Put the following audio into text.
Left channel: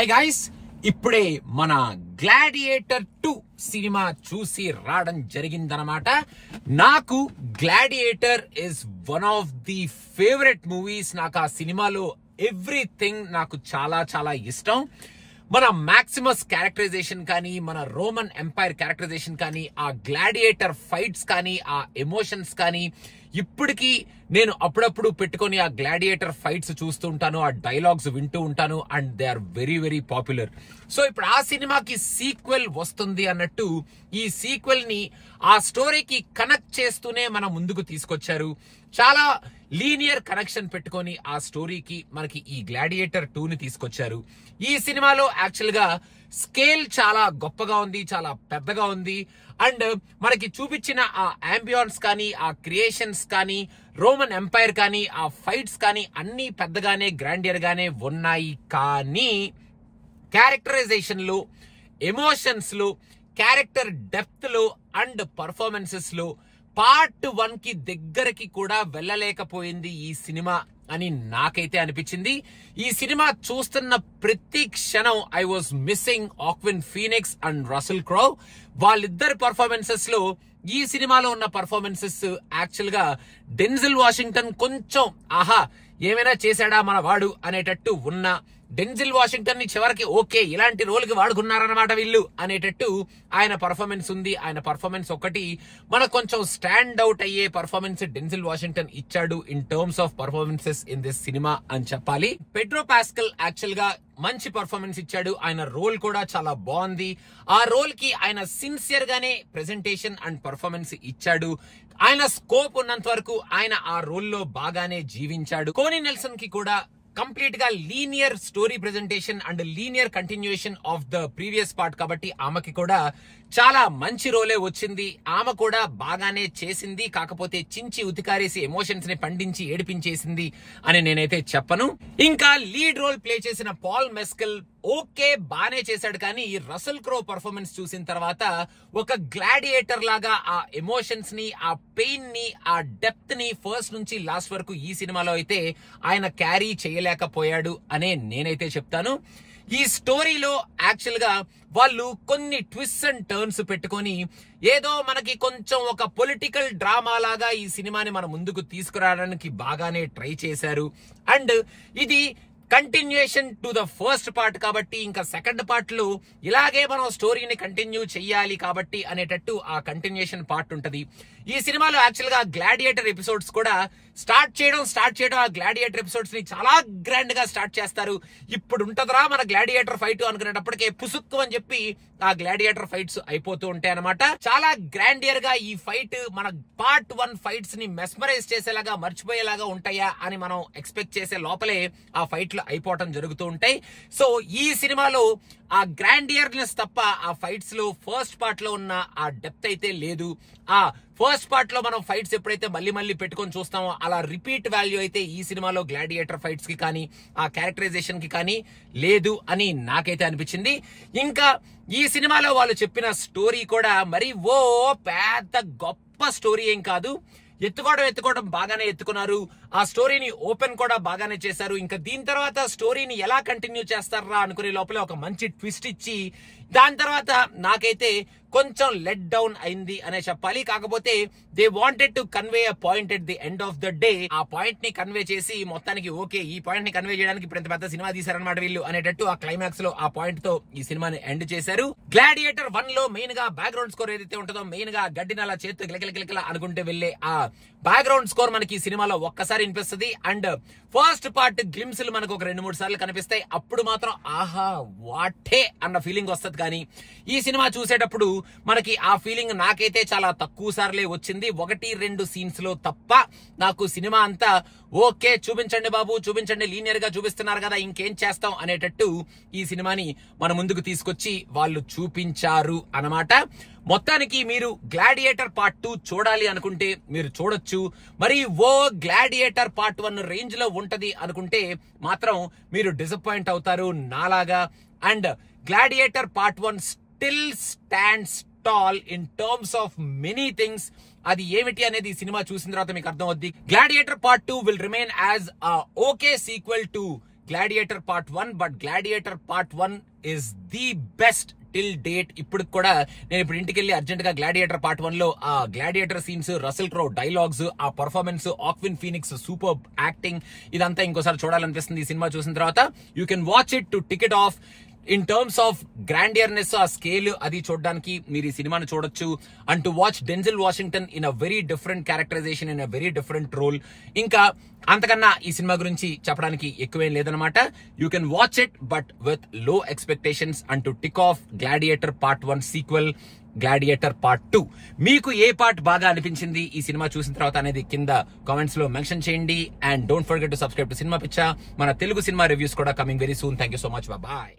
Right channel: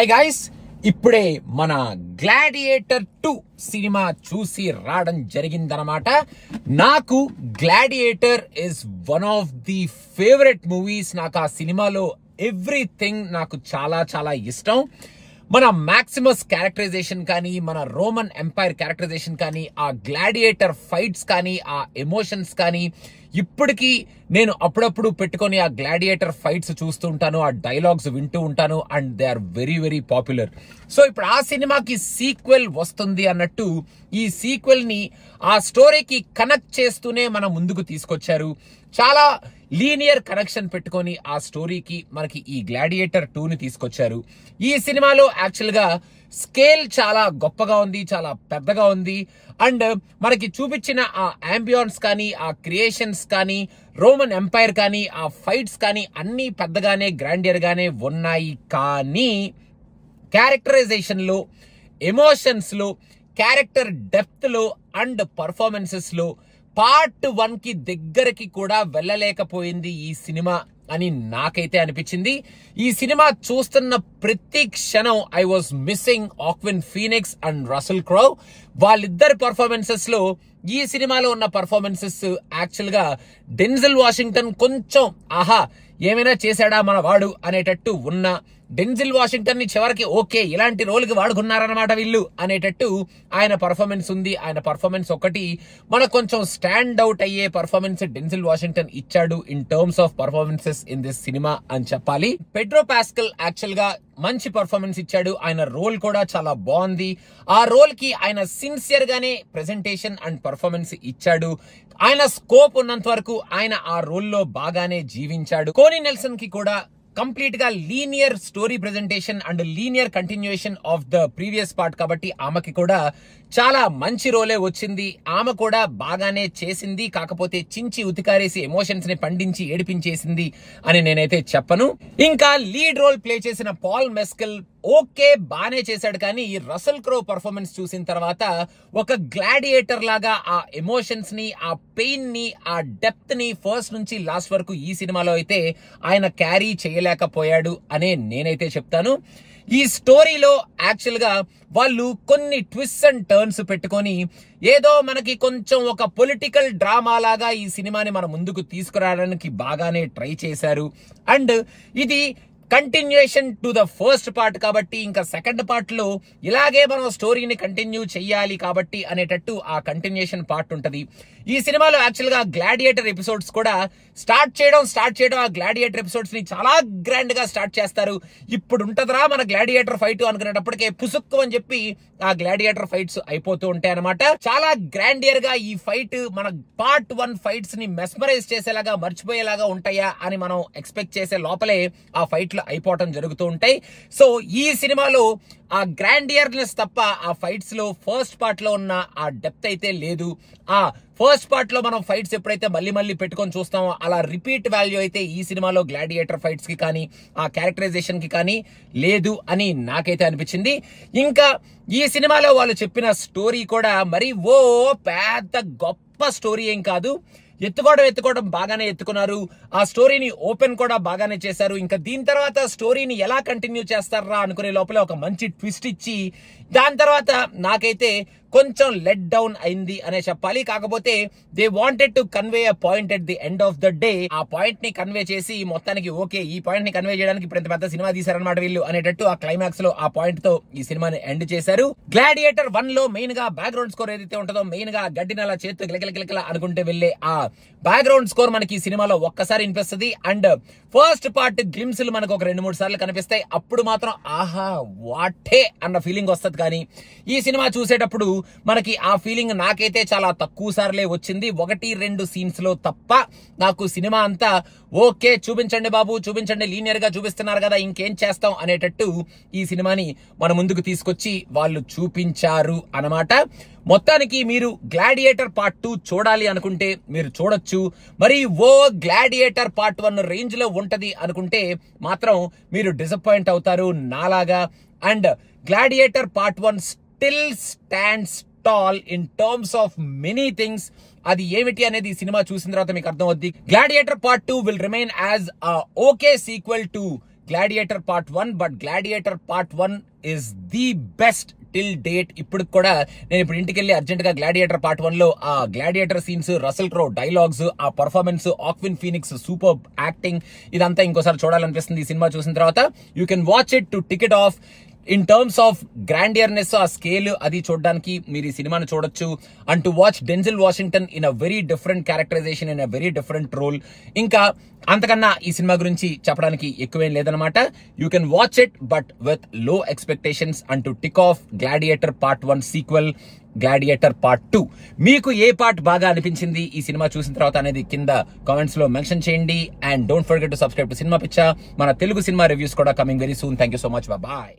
Hi guys, ఇప్పుడే మన gladiator 2 cinema చూసి రావడం జరిగిందనమాట. నాకు gladiator is one of the favourite movies. నాకు ఆ సినిమాలో ఎవ్రీథింగ్ నాకు చాలా చాలా ఇష్టం. మన మ్యాక్సిమస్ క్యారెక్టరైజేషన్ కానీ, మన రోమన్ ఎంపైర్ క్యారెక్టరైజేషన్ కానీ, ఆ గ్లాడియేటర్ ఫైట్స్ కానీ, ఆ ఎమోషన్స్ కానీ, ఇప్పటికీ నేను అప్పుడప్పుడు పెట్టుకొని ఆ గ్లాడియేటర్ ఫైట్స్ చూస్తూ ఉంటాను, ఆ డైలాగ్స్ వింటూ ఉంటాను, and they are very very popular. So ఇప్పుడు ఆ సినిమాకి సీక్వెల్ వస్తుంది అన్నట్టు ఈ సీక్వెల్ ని ఆ స్టోరీకి కనెక్ట్ చేస్తూనే మన ముందుకు తీసుకొచ్చారు. చాలా లీనియర్ కనెక్షన్ పెట్టుకొని ఆ స్టోరీకి మనకి ఈ గ్లాడియేటర్ 2 ని తీసుకొచ్చారు. ఈ సినిమాలో యాక్చువల్ గా స్కేల్ చాలా గొప్పగా ఉంది, చాలా పెద్దగా ఉంది. అండ్ మనకి చూపించిన ఆ అంబియన్స్ కానీ, ఆ క్రియేషన్స్ కానీ, రోమన్ ఎంపైర్ కానీ, ఆ ఫైట్స్ కానీ అన్ని పెద్దగానే గ్రాండియర్ గానే ఉన్నాయి. కానీ క్యారెక్టరైజేషన్ లో, ఎమోషన్స్ లో, క్యారెక్టర్ డెప్త్ లో అండ్ పర్ఫార్మెన్సెస్ లో పార్ట్ 1 కి దగ్గరకి కూడా వెళ్ళలేకపోయింది ఈ సినిమా అని నాకైతే అనిపించింది. ఈ సినిమా చూస్తున్న ప్రతి క్షణం I was missing Joaquin Phoenix and Russell Crowe. వాళ్ళిద్దరి పర్ఫార్మెన్సెస్ లో ఈ సినిమాలో ఉన్న పర్ఫార్మెన్సెస్ యాక్చువల్ గా డెన్జిల్ వాషింగ్టన్ కొంచెం ఆహా ఏమైనా చేశాడా మన వాడు అనేటట్టు ఉన్న డెన్జిల్ వాషింగ్టన్ ని చివరికి ఓకే ఇలాంటి రోల్ కి వాడుకున్నారన్నమాట వీళ్ళు అనేటట్టు ఆయన పర్ఫార్మెన్స్ ఉంది. ఆయన పర్ఫార్మెన్స్ ఒకటి మనకు కొంచెం స్టాండ్ అవుట్ అయ్యే పర్ఫార్మెన్స్ డెన్జిల్ వాషింగ్టన్ ఇచ్చాడు in terms of performances in this cinema అని చెప్పాలి. పెడ్రో పాస్కల్ యాక్చువల్ గా మంచి పర్ఫార్మెన్స్ ఇచ్చాడు. ఆయన రోల్ కూడా చాలా బాగుంది. ఆ రోల్ కి ఆయన సిన్సియర్ గానే ప్రెజెంటేషన్ అండ్ పర్ఫార్మెన్స్ ఇచ్చాడు. ఆయన స్కోప్ ఉన్నంత వరకు ఆయన ఆ రోల్ లో బాగానే జీవించాడు. కోనీ నెల్సన్ కి కూడా కంప్లీట్ గా linear story presentation and linear continuation of the previous part కాబట్టి ఆమెకి కూడా చాలా మంచి రోలే వచ్చింది. ఆమె కూడా బాగానే చేసింది. కాకపోతే చించి ఉతికారేసి ఎమోషన్స్ ని పండించి ఏడిపించేసింది అని నేనైతే చెప్పను. ఇంకా లీడ్ రోల్ ప్లే చేసిన పాల్ మెస్కెల్ ఓకే బానే చేశాడు. కానీ రసెల్ క్రో పర్ఫార్మెన్స్ చూసిన తర్వాత ఒక గ్లాడియేటర్ లాగా ఆ ఎమోషన్స్ ని, ఆ పెయిన్ ని, ఆ డెప్త్ ని ఫస్ట్ నుంచి లాస్ట్ వరకు ఈ సినిమాలో అయితే ఆయన క్యారీ చేయలేకపోయాడు అనే నేనైతే చెప్తాను. ఈ స్టోరీలో యాక్చువల్ గా వాళ్ళు కొన్ని ట్విస్ట్ అండ్ టర్న్స్ పెట్టుకొని ఏదో మనకి కొంచెం ఒక పొలిటికల్ డ్రామా లాగా ఈ సినిమాని మన ముందుకు తీసుకురావడానికి బాగానే ట్రై చేశారు. అండ్ ఇది continuation to the first part కాబట్టి ఇంకా సెకండ్ పార్ట్ లో ఇలాగే మనం స్టోరీని కంటిన్యూ చెయ్యాలి కాబట్టి అనేటట్టు ఆ కంటిన్యూయేషన్ పార్ట్ ఉంటది. ఈ సినిమాలో యాక్చువల్ గా గ్లాడియేటర్ ఎపిసోడ్స్ కూడా స్టార్ట్ చేయడం ఆ గ్లాడియేటర్ ఎపిసోడ్స్ ని చాలా గ్రాండ్ గా స్టార్ట్ చేస్తారు. ఇప్పుడు ఉంటదరా మన గ్లాడియేటర్ ఫైట్ అనుకునేటప్పటికే పుసుక్కు అని చెప్పి ఆ గ్లాడియేటర్ ఫైట్స్ అయిపోతూ ఉంటాయి అనమాట. చాలా గ్రాండియర్ గా ఈ ఫైట్ మన పార్ట్ 1 ఫైట్స్ ని మెస్మరైజ్ చేసేలాగా, మర్చిపోయేలాగా ఉంటాయా అని మనం ఎక్స్పెక్ట్ చేసే లోపలే ఆ ఫైట్లు అయిపోవటం జరుగుతూ ఉంటాయి. సో ఈ సినిమాలో ఆ గ్రాండియర్నెస్ తప్ప ఆ ఫైట్స్ లో ఫస్ట్ పార్ట్ లో ఉన్న ఆ డెప్త్ అయితే లేదు. ఆ ఫస్ట్ పార్ట్ లో మనం ఫైట్స్ ఎప్పుడైతే మళ్ళీ మళ్ళీ పెట్టుకొని చూస్తామో అలా రిపీట్ వాల్యూ అయితే ఈ సినిమాలో గ్లాడియేటర్ ఫైట్స్ కి కానీ, ఆ క్యారెక్టరైజేషన్ కి కానీ లేదు అని నాకైతే అనిపించింది. ఇంకా ఈ సినిమాలో వాళ్ళు చెప్పిన స్టోరీ కూడా మరి ఓ పెద్ద గొప్ప స్టోరీ ఏం కాదు. ఎత్తుకోవడం బాగానే ఎత్తుకున్నారు. ఆ స్టోరీని ఓపెన్ కూడా బాగానే చేశారు. ఇంకా దీని తర్వాత స్టోరీని ఎలా కంటిన్యూ చేస్తారా అనుకునే లోపల ఒక మంచి ట్విస్ట్ ఇచ్చి దాని తర్వాత నాకైతే కొంచెం లెట్ డౌన్ అయింది అనే చెప్పాలి. కాకపోతే they wanted to convey a point at the end of the day. ఆ పాయింట్ ని కన్వే చేసి మొత్తానికి ఓకే ఈ పాయింట్ ని కన్వే చేయడానికి ఇప్పుడు పెద్ద సినిమా తీశారనమాట వీళ్ళు అనేటట్టు ఆ క్లైమాక్స్ లో ఆ పాయింట్ తో ఈ సినిమాని ఎండ్ చేశారు. గ్లాడియేటర్ 1 లో మెయిన్ గా బ్యాక్గ్రౌండ్ స్కోర్ ఏదైతే ఉంటుందో, మెయిన్ గా గడ్డిని అలా చేతితో గిలకిల అనుకుంటే వెళ్లే ఆ బ్యాక్గ్రౌండ్ స్కోర్ మనకి ఈ సినిమాలో ఒక్కసారి వినిపిస్తుంది. అండ్ ఫస్ట్ పార్ట్ గ్లిమ్స్ మనకు ఒక 2-3 సార్లు కనిపిస్తాయి. అప్పుడు మాత్రం ఆహా వాటే అన్న ఫీలింగ్ వస్తుంది. కానీ ఈ సినిమా చూసేటప్పుడు మనకి ఆ ఫీలింగ్ నాకైతే చాలా తక్కువ సార్లే వచ్చింది. 1-2 సీన్స్ లో తప్ప నాకు సినిమా అంతా ఓకే చూపించండి బాబు, చూపించండి, లీనియర్ గా చూపిస్తున్నారు కదా ఇంకేం చేస్తాం అనేటట్టు ఈ సినిమాని మన ముందుకు తీసుకొచ్చి వాళ్ళు చూపించారు అన్నమాట. మొత్తానికి మీరు గ్లాడియేటర్ పార్ట్ 2 చూడాలి అనుకుంటే మీరు చూడొచ్చు. మరి ఓ గ్లాడియేటర్ పార్ట్ 1 రేంజ్ లో ఉంటది అనుకుంటే మాత్రం మీరు డిసప్పాయింట్ అవుతారు నాలాగా. And gladiator part 1 still stands tall in terms of many things. అది ఏమిటి అనేది సినిమా చూసిన తర్వాత మీకు అర్థం అవుద్ది. Gladiator part 2 will remain as okay sequel to gladiator part 1, but gladiator part 1 is the best till date. ఇప్పుడు కూడా నేను ఇప్పుడు ఇంటికి వెళ్ళి అర్జెంట్ గా గ్లాడియేటర్ పార్ట్ 1 లో ఆ Gladiator scenes, Russell Crowe dialogues, ఆ performance, Joaquin Phoenix super acting, ఇదంతా ఇంకోసారి చూడాలనిపిస్తుంది ఈ సినిమా చూసిన తర్వాత. You can watch it to tick it off. In terms of grandeurness, ఆ స్కేల్ అది చూడడానికి మీరు ఈ సినిమాను చూడొచ్చు. And to watch Denzel Washington in a very different characterisation, in a very different role. ఇంకా అంతకన్నా ఈ సినిమా గురించి చెప్పడానికి ఎక్కువేం లేదనమాట. You can watch it but with లో expectations. And to tick of gladiator part 1 sequel, gladiator part 2. మీకు ఏ పార్ట్ బాగా అనిపించింది ఈ సినిమా చూసిన తర్వాత అనేది కింద కామెంట్స్ లో మెన్షన్ చేయండి. And don't forget to subscribe to Cinema Picha. మన తెలుగు సినిమా రివ్యూస్ కూడా coming very soon. Thank you so much. Bye.